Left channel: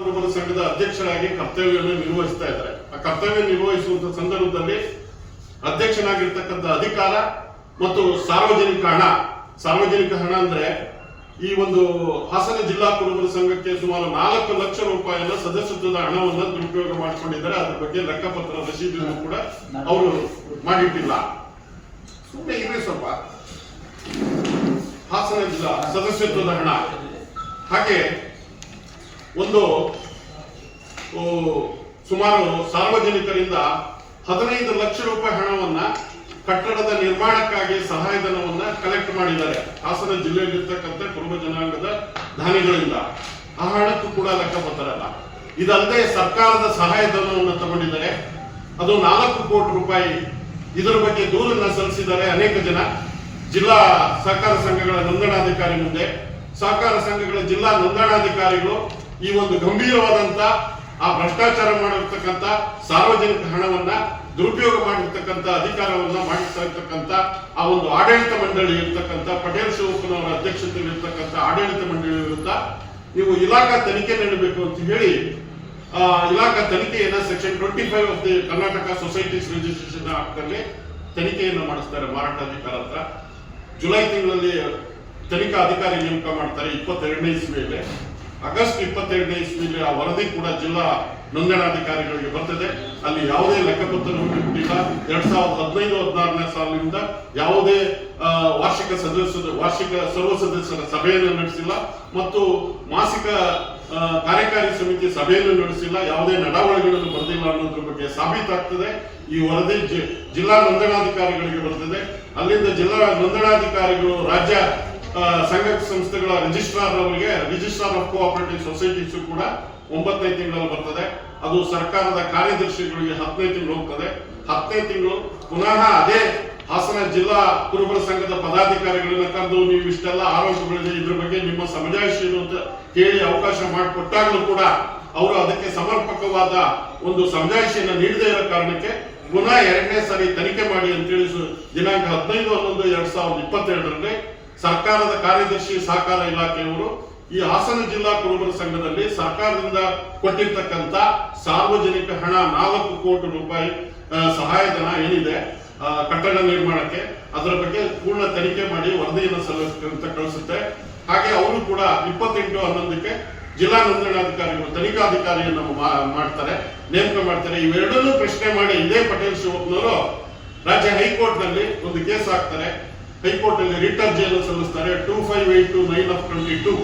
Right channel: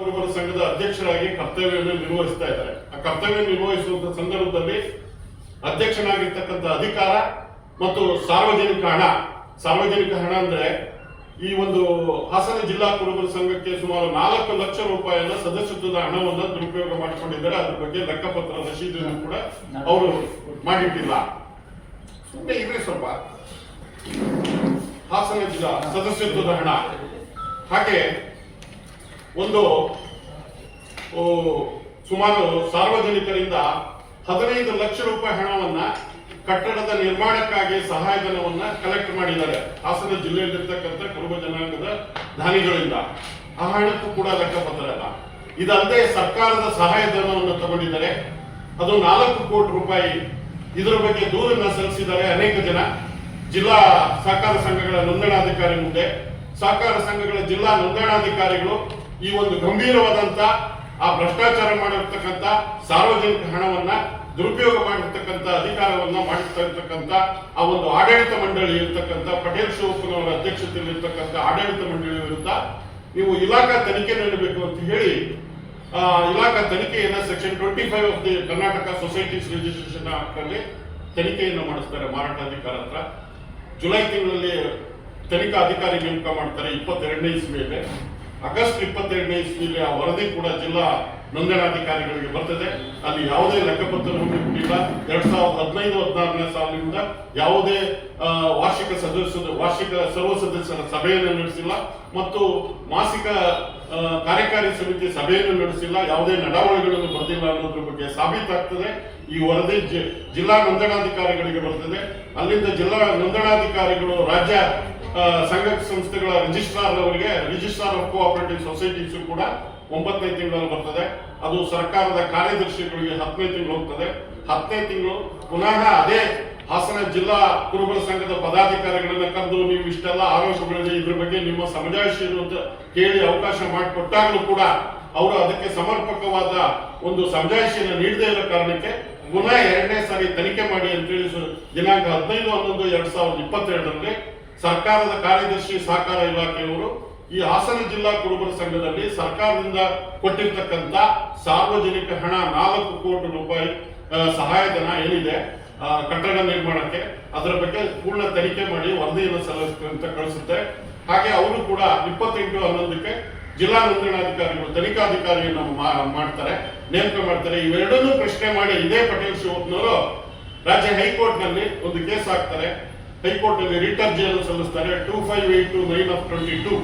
ಕುರುಬರ ಸಂಘದ ಅಧ್ಯಕ್ಷರಾಗಿ ಕರ್ತವ್ಯವನ್ನು ನಿರ್ವಹಿಸ್ತಾ ಇದ್ದಾರೆ. ಆ ಕರ್ತವ್ಯ ನಿರ್ವಹಿಸುವಂತ ಸಂದರ್ಭದಲ್ಲಿ ಅಧ್ಯಕ್ಷನಾಗಿರ್ತಕ್ಕಂಥ ಅಧಿಕಾರ ಮತ್ತು ಸಾರ್ವಜನಿಕ ಹಣ ಅಂದ್ರೆ ಈ ಒಂದು ಹಾಸನ ಜಿಲ್ಲಾ ಕುರುಬರ ಸಂಘಕ್ಕೆ ಸುಮಾರು 4 ಲಕ್ಷ ರೂಪಾಯಿನ ಸದಸ್ಯತ್ವದ ಹಣವನ್ನು ದುರುಪಯೋಗ ಮಾಡಿಕೊಂಡಿದ್ದಾರೆ. ಅದ್ರ ಬಗ್ಗೆ ಲೆಕ್ಕಪತ್ರ ರಸೀದಿಯನ್ನು ಕೂಡ ಅವರು ಮಾಡಿಟ್ಟಿಲ್ಲ. ಸುಮ್ಮನೆ ಇರ್ರಿ ಸ್ವಲ್ಪ. ಹಾಸನ ಜಿಲ್ಲಾ ಸದಸ್ಯತ್ವದ ಹಣ, ಹಾಗೆ ಒಂದು ಸುಮಾರು ಸಾರ್ವಜನಿಕರಿಂದ 15 ಲಕ್ಷ ರೂಪಾಯಿ ಹಣವನ್ನ ಕಟ್ಟಡದ ನಿರ್ಮಾಣಕ್ಕಾಗಿ ಸಹಾಯಧನವನ್ನ ಕಲೆಕ್ಟ್ ಮಾಡಿದ್ದಾರೆ ಹಾಸನ ಜಿಲ್ಲೆಯಲ್ಲಿರ್ತಕ್ಕಂಥ ಕುರುಬ ಜನಾಂಗದ ದಾನಿಗಳಿಂದ. ಆ ಹಣಕ್ಕೂ ಕೂಡ ಲೆಕ್ಕಪತ್ರ ಅಲ್ಲ. ಇದಲ್ಲದೆ ಸರ್ಕಾರದ ಸಹಾಯಧನವನ್ನು ತಗೊಂಡಿದ್ದಾರೆ, ಅದು 4 ಕೋಟಿ ರೂಪಾಯಿ. ಇದರ ಬಗ್ಗೆ ದೂರನ್ನ ಸಲ್ಲಿಸಿದ್ದಾರೆ ಅನೇಕ ಜನ ಜಿಲ್ಲಾ ಸಹಕಾರ ಸಂಘಗಳ ನೋಂದಣಾಧಿಕಾರಿ ಮುಂದೆ. ಸಹಕಾರ ಸಂಘಗಳ ಜಿಲ್ಲಾ ನೋಂದಣಾಧಿಕಾರಿಗಳು ಈ ಒಂದು ಗಂಭೀರವಾದಂತ ಆ ಭ್ರಷ್ಟಾಚಾರ ಮಾಡಿರ್ತಕ್ಕಂಥ ಸಾರ್ವಜನಿಕ ಹಣವನ್ನ ದುರುಪಯೋಗ ಮಾಡಿರ್ತಕ್ಕಂಥ ಅಧಿಕಾರವನ್ನ ಮಾಡಿರ್ತಕ್ಕಂಥ ಆ ಒಂದು ಆಡಳಿತ ಮಂಡಳಿ ಇರ್ತಕ್ಕಂಥ ಪಟೇಲ್ ಶಿವಪ್ಪನವರ ಅಧ್ಯಕ್ಷತೆಯಲ್ಲಿ ಇರ್ತಕ್ಕಂಥ ಆಡಳಿತ ಮಂಡಳಿ ವಿರುದ್ಧ ನೀವು ಇಲಾಖಾ ತನಿಖೆ ನಡೆಸಬೇಕು ಅಂತ ಹೇಳಿ ಇಲಾಖಾ ತನಿಖೆಯನ್ನ section 25 of the Karnataka societies registration act ಅಲ್ಲಿ ತನಿಖೆಯನ್ನು ಮಾಡಿಸ್ತಾರೆ ಮಾರಾಟಾಧಿಕಾರ ಹತ್ರ. ಜುಲೈ ತಿಂಗಳಲ್ಲಿ ತನಿಖಾ ಅಧಿಕಾರಿ ನೇಮಕ ಮಾಡ್ತಾರೆ 22ನೇ ಇಸ್ವಿಯಲ್ಲಿ. ಆಗಸ್ಟ್ 22ನೇ ಇಸ್ವಿಯಲ್ಲಿ ಆ ವರದಿ ಕೂಡ ಜಿಲ್ಲಾ ನೋಂದಣಾಧಿಕಾರಿಗಳಿಗೆ ಬರ್ತದೆ. ಅಲ್ಲಿ ಯಾವುದೇ ಲೆಕ್ಕಪತ್ರವನ್ನು ಕೊಟ್ಟಿಲ್ಲ. 2015-16ನೇ ಸಾಲಿನಿಂದ ಯಾವುದೇ ವಾರ್ಷಿಕ ಸರ್ವ ಸದಸ್ಯರ ಸಭೆಯನ್ನು ನಡೆಸಿಲ್ಲ ಮತ್ತು ಮಾಸಿಕ ಕಾರ್ಯಕಾರಿ ಸಮಿತಿ ಸಭೆಯನ್ನು ನಡೆಸಿಲ್ಲ. ಯಾವುದೇ ನಡವಳಿಕೆಗಳನ್ನು ಬರೆದಿಲ್ಲ ಅನ್ನೋದ್ರ ಬಗ್ಗೆ ಸಾಬೀತಾಗ್ತದೆ. ಈ ವರದಿ ಜಿಲ್ಲಾ ನೋಂದಣಾಧಿಕಾರಿಗಳಿಗೆ ಬರ್ತದೆ. ಅಲ್ಲಿಂದ ಜಿಲ್ಲಾ ನೋಂದಣಾಧಿಕಾರಿಗಳು ರಾಜ್ಯ ಸಂಘ ಸಂಸ್ಥೆಗಳ ರಿಜಿಸ್ಟ್ರಾರ್ ಅವರಿಗೆ, ರಿಜಿಸ್ಟ್ರಾರ್ ಆಫ್ ಕೋಆಪರೇಟಿವ್ ಸೊಸೈಟೀಸ್ ಕೂಡ 9ನೇ ತಿಂಗಳಲ್ಲಿ ಬರ್ತದೆ. ಅದು ಸರ್ಕಾರದ ಕಾರ್ಯದರ್ಶಿಗಳಿಗೆ 10ನೇ ತಿಂಗಳು ಹೋಗ್ತದೆ. 10ನೇ ತಿಂಗಳು ಪುನಃ ಅದೇ ಹಾಸನ ಜಿಲ್ಲಾ ಕುರುಬರ ಸಂಘದ ಪದಾಧಿಕಾರಿಗಳನ್ನ ಕರೆದು ನೀವು ಇಷ್ಟೆಲ್ಲ ಆರೋಪಗಳಿದೆ, ಇದ್ರ ಬಗ್ಗೆ ನಿಮ್ಮ ಸಮಜಾಯಿಷಿ ಏನು ಅಂತ ಕೇಳಿ ಅವಕಾಶ ಮಾಡಿಕೊಟ್ಟಾಗಲೂ ಕೂಡ ಅವರು ಅದಕ್ಕೆ ಸಮರ್ಪಕವಾದ ಒಂದು ಸಮಜಾಯಿಷಿಯನ್ನು ನೀಡದೇ ಇರೋ ಕಾರಣಕ್ಕೆ ಪುನಃ 2ನೇ ಸಾರಿ ತನಿಖೆ ಮಾಡಿ ಅಂತೇಳಿ ದಿನಾಂಕ 15/11/2022ರಲ್ಲಿ ಸರ್ಕಾರದ ಕಾರ್ಯದರ್ಶಿ ಸಹಕಾರ ಇಲಾಖೆಯವರು ಈ ಹಾಸನ ಜಿಲ್ಲಾ ಕುರುಬರ ಸಂಘದಲ್ಲಿ ಸರ್ಕಾರದಿಂದ ಕೊಟ್ಟಿರ್ತಕ್ಕಂಥ ಸಾರ್ವಜನಿಕ ಹಣ 4 ಕೋಟಿ ರೂಪಾಯಿ ಸಹಾಯಧನ ಏನಿದೆ ಕಟ್ಟಡ ನಿರ್ಮಾಣಕ್ಕೆ, ಅದರ ಬಗ್ಗೆ ಪೂರ್ಣ ತನಿಖೆ ಮಾಡಿ ವರದಿಯನ್ನು ಸಲ್ಲಿಸುವಂತ ಕಳಿಸುತ್ತೆ. ಹಾಗೆ ಅವರು ಕೂಡ 28/11ಕ್ಕೆ ಜಿಲ್ಲಾ ನೋಂದಣಾಧಿಕಾರಿಗಳು ತನಿಖಾಧಿಕಾರಿಯನ್ನು ಮಾಡ್ತಾರೆ, ನೇಮಕ ಮಾಡ್ತಾರೆ. ಇವೆರಡನ್ನೂ ಪ್ರಶ್ನೆ ಮಾಡಿ ಇದೇ ಪಟೇಲ್ ಶಿವಪ್ಪನವರು ರಾಜ್ಯ ಹೈಕೋರ್ಟ್ ನಲ್ಲಿ ಒಂದು ಕೇಸ್ ಹಾಕ್ತಾರೆ. ಹೈಕೋರ್ಟ್ ನಲ್ಲಿ ರಿಟ್ ಅರ್ಜಿಯನ್ನು ಸಲ್ಲಿಸ್ತಾರೆ 2582/9/22.